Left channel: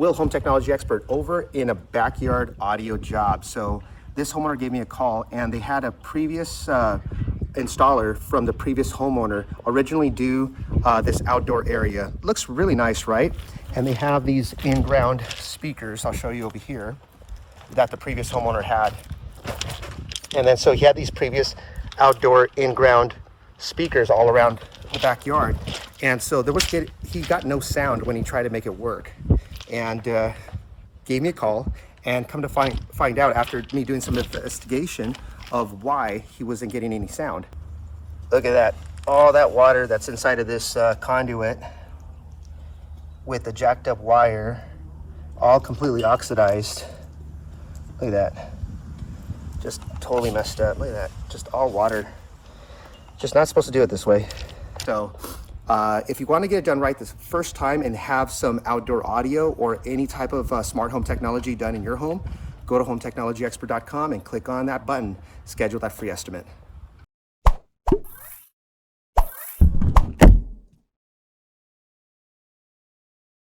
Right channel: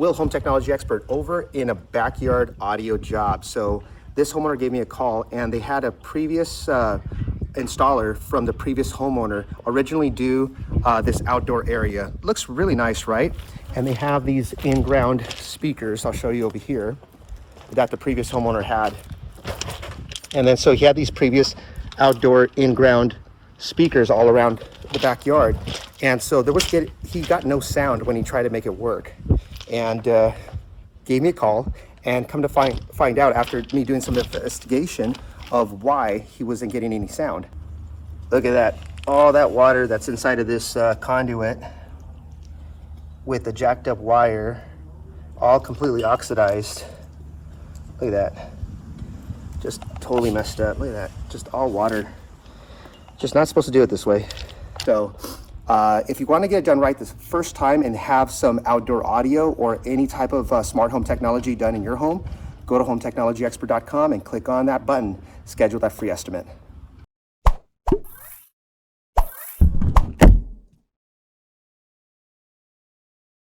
Will, home technology expert, over in a backyard audio job. So this homeowner gave me a call, and they had a previous installer from the previous homeowner originally do this outdoor area. Looks really nice, right? And they have these in-ground speakers, I'll show you over here, that the previous homeowner had. And then so he had these previous outdoor in-ground speakers all around the backyard, and so he got no sound when he tried to make it work, and gave me a call, and come to find out after me doing some investigation of why he wasn't getting any sound. Look at that, all that water that's inside of this conduit with the jacked up wire, all completely oxidized. Look at that, just totally messed up. Look at that, just all water. Just not supposed to do it this way. So if you want to get it done right the first time and have some outdoor audio or any type of smart home technology done in your home, go to hometechnologyexpert.com and click on that button, schedule that free estimate.